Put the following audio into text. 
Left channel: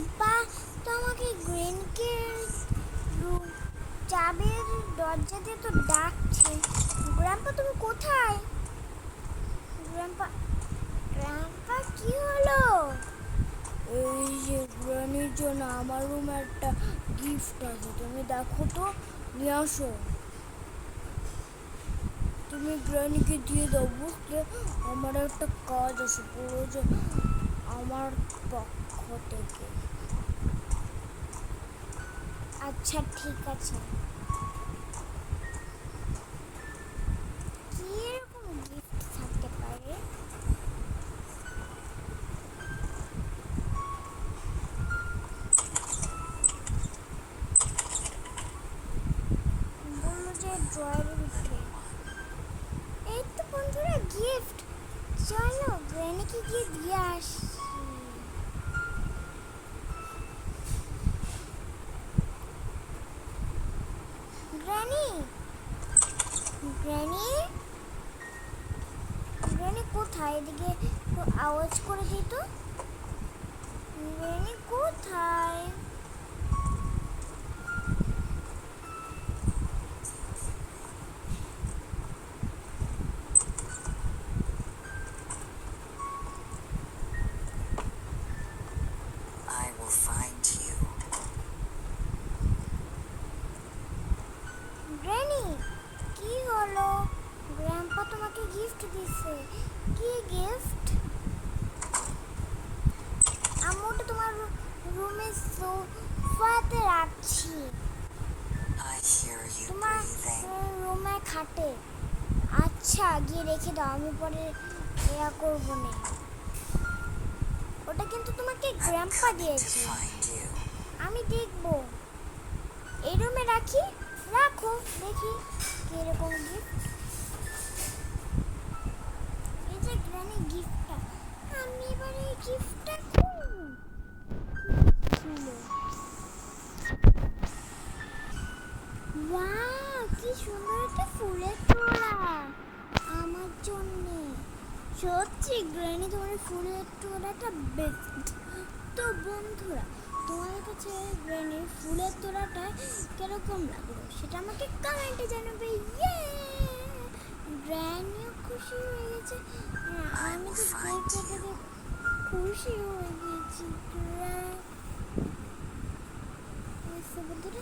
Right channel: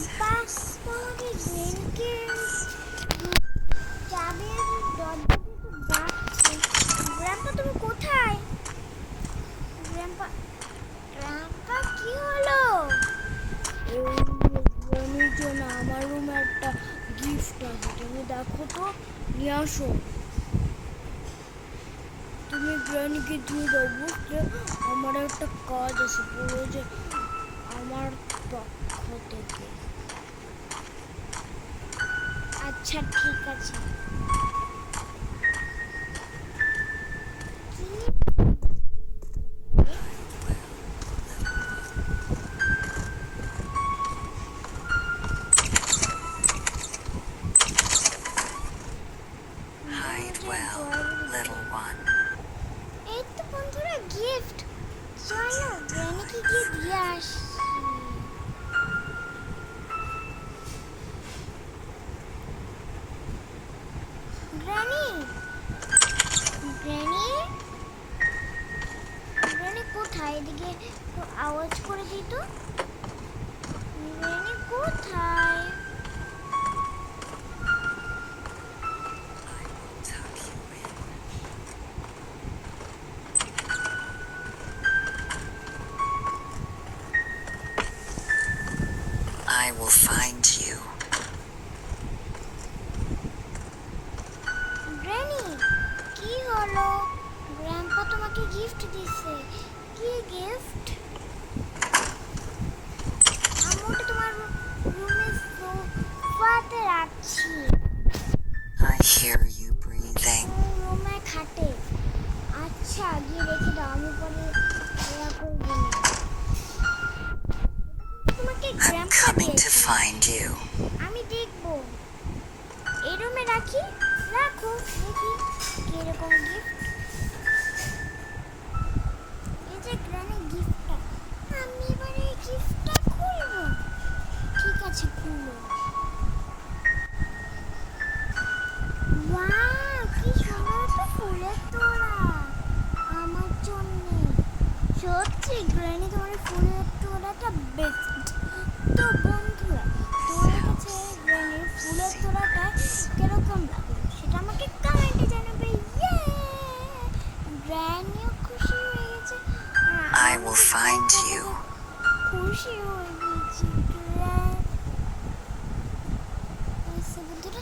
বাস তো আমাকে গ্রেনকে চাবির দরজা দিয়ে তো ডাকছে। গ্র্যাম্পা তুমি কোথায়? গ্র্যাম্পা গ্র্যাম্পা কি হলো? এই যে গ্র্যানির জন্য আমার রুমে একটা গিফট আছে, তুমি দেখো তো, নিয়ে আসো। তুমি গ্র্যানিকে দিয়ে দাও, বুঝলে? আমার একটা কাজ আছে পুরো, যে আমার পক্ষ থেকে। আচ্ছা ঠিক আছে। কি এরকম গিফট থাকতে পারে? এই তো বন্ধুরা গিফট, চলো গ্র্যানিকে গিয়ে দিয়ে আসি। গ্র্যানি, গ্র্যানি, গ্র্যানি কোথায়? এদিকে একটু আওয়াজ করে দিই তো। গ্র্যানি কোথায়? I will find you. Granny কি হলো? গ্র্যাম্পা তোমাকে গিফট দিছে। কি গিফট? আমি ওটা তোমার রুমে সোফাতে রাখছি। I hear you তোমার breathing. রুমে খাটে। আচ্ছা গিয়ে রেখে দাও, আমি পরে এয়া করবো না। ওটা কিন্তু তোমাকে I'm গ্র্যাম্পা coming to দিয়েছে। find you. আমি দেখবো। এই রুমে রাখি, রাখো, দেখি কিরকম গিফট। এই যে গ্র্যানি গিফটটা, আমি এবার এই গিফটটা খুলবো। ঠিক আছে খুলো। ওয়াও কি সুন্দর একটা ফুলের তোড়া আমার জন্য। সত্যি গ্র্যানি তোমার ফুলের তোড়াটা বেস্ট। তো বন্ধুরা, তোমার কাছে গ্র্যানির ফুলের তোড়াটা কিরকম লাগলো সেটা আমাকে কমেন্টে জানাবে। ইয়ে, গ্র্যানিও খুশি হয়ে গেছে, I will find you. খুশি হয়ে গেছি। বন্ধুরা,